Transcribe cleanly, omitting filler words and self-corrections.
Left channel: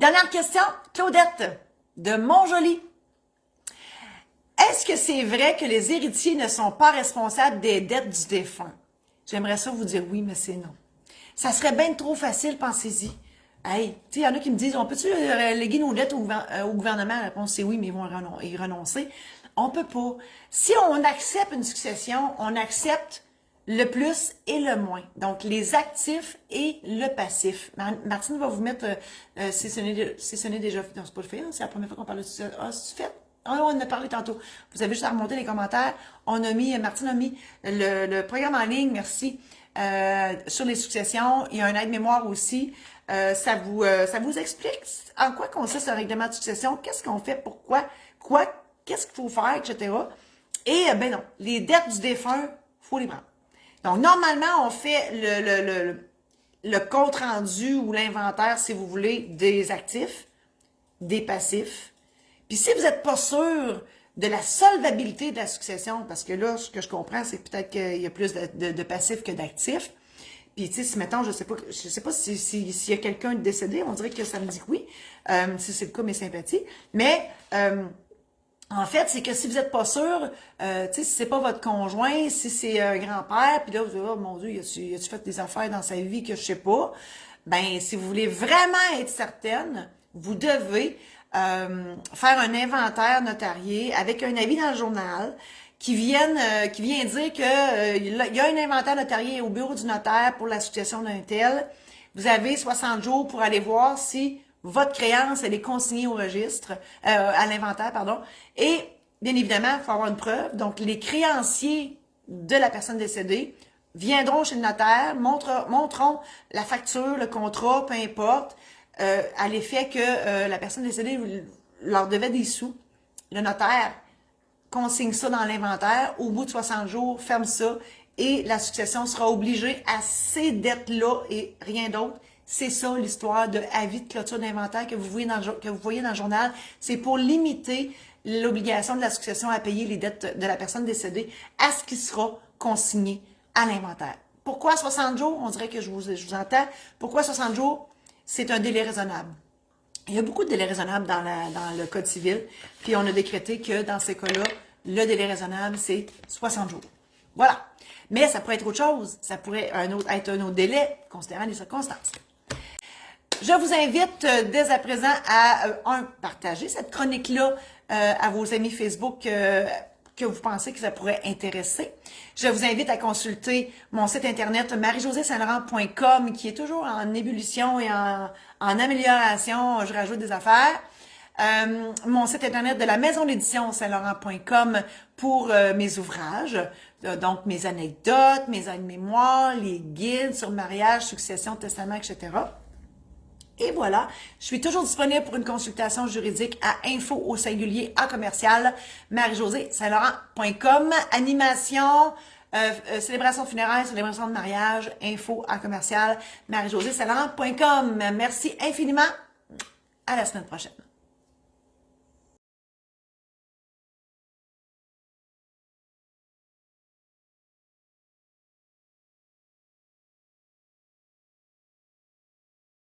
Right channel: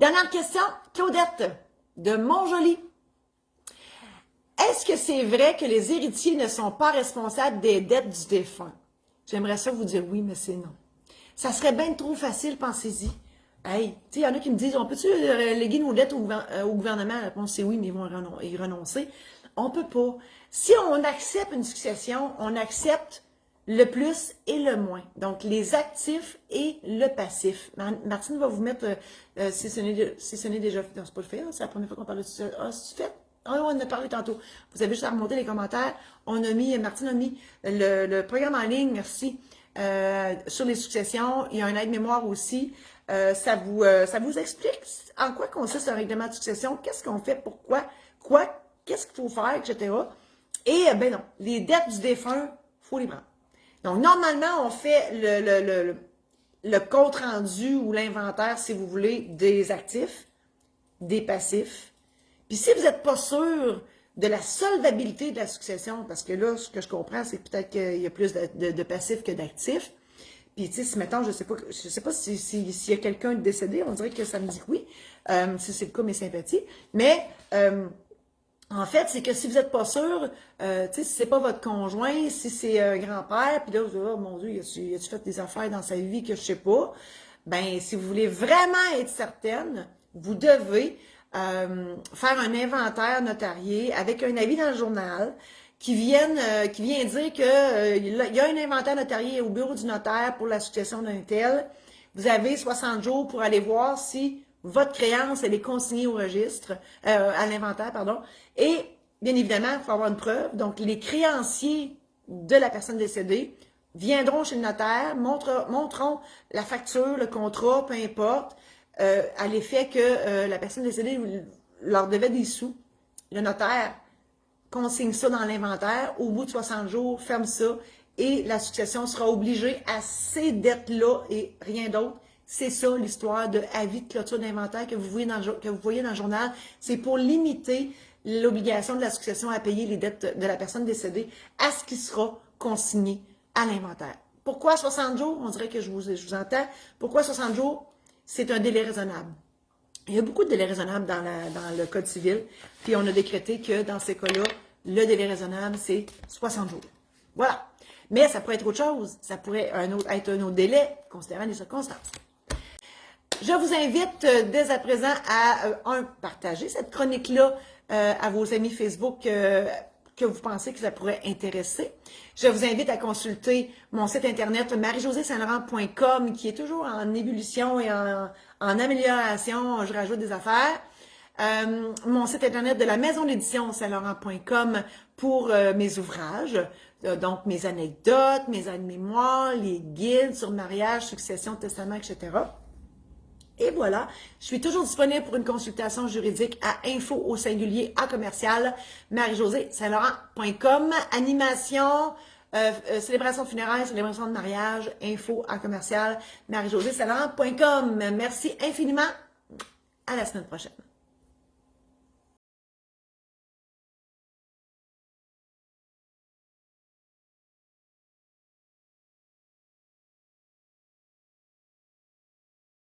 Dernière question, Claudette de Montjoli. Est-ce que c'est vrai que les héritiers ne sont pas responsables des dettes du défunt? J'aimerais ça vous dire oui, mais c'est non. Ça serait bien trop facile, pensez-y. Hey, tu sais, il y en a qui me disent, on peut-tu léguer nos dettes au gouvernement? La réponse c'est oui, mais ils vont y renoncer. On peut pas. Si on accepte une succession, on accepte le plus et le moins. Donc, les actifs et le passif. Martine va vous mettre, si ce n'est déjà fait, non, c'est pas le fait, c'est la première fois qu'on parle de ça. Ah, c'est fait? Ah, on en a parlé tantôt. Vous avez juste à remonter les commentaires. Martine a mis le programme en ligne, merci, sur les successions. Il y a un aide-mémoire aussi. Ça vous explique en quoi consiste un règlement de succession, qu'est-ce qu'on fait, pourquoi, qu'est-ce qu'il faut faire, etc. Et, ben non, les dettes du défunt, il faut les prendre. Donc, normalement, on fait le compte-rendu ou l'inventaire, si vous voulez, des actifs, des passifs. Puis si vous n'êtes pas sûr de la solvabilité de la succession, parce que là, ce que je comprends, c'est peut-être qu'il y a plus de passifs que d'actifs. Puis, tu sais, si mettons, je sais pas s'il y a quelqu'un de décédé, on dirait que ça me dit que oui. Si c'est le cas, mes sympathies. Mais, en fait, c'est que si vous n'êtes pas sûr, tu sais, si c'est pas votre conjoint, si c'est un grand-père, puis là, vous dites, oh mon Dieu, y a-tu fait des affaires dans sa vie que je sais pas? Ben, si vous voulez vraiment être certaine, vous devez faire un inventaire notarié avec un avis dans le journal qui vient dire que il y a un inventaire notarié au bureau du notaire pour la succession d'un tel. Vous avez 60 jours pour aller voir si votre créance, elle est consignée au registre, à l'inventaire, pardon. Et, bien évidemment, il faut avoir une preuve. Donc, les créanciers de la personne décédée viendront chez le notaire, montreront la facture, le contrat, peu importe, à l'effet que la personne décédée leur devait des sous. Le notaire consigne ça dans l'inventaire. Au bout de 60 jours, ferme ça et la succession sera obligée à ces dettes-là et rien d'autre. C'est ça l'histoire de avis de clôture d'inventaire que vous voyez dans le journal. C'est pour limiter l'obligation de la succession à payer les dettes de la personne décédée à ce qui sera consigné à l'inventaire. Pourquoi 60 jours? On dirait que je vous entends. Pourquoi 60 jours? C'est un délai raisonnable. Il y a beaucoup de délais raisonnables dans le Code civil, puis on a décrété que dans ces cas-là, le délai raisonnable, c'est 60 jours. Voilà. Mais ça pourrait être autre chose. Ça pourrait être un autre délai, considérant les circonstances. Je vous invite dès à présent à, partager cette chronique-là à vos amis Facebook que vous pensez que ça pourrait intéresser. Je vous invite à consulter mon site internet marie-josée-saint-laurent.com qui est toujours en ébullition et en amélioration. Je rajoute des affaires. Mon site internet de la maison d'édition saint-laurent.com pour mes ouvrages, donc mes anecdotes, mes aides-mémoires, les guides sur mariage, succession, testament, etc. Et voilà, je suis toujours disponible pour une consultation juridique à info@marie-josée-saint-laurent.com. Animation, célébration funéraire, célébration de mariage, marie-josée-saint-laurent.com. Merci infiniment. À la semaine prochaine.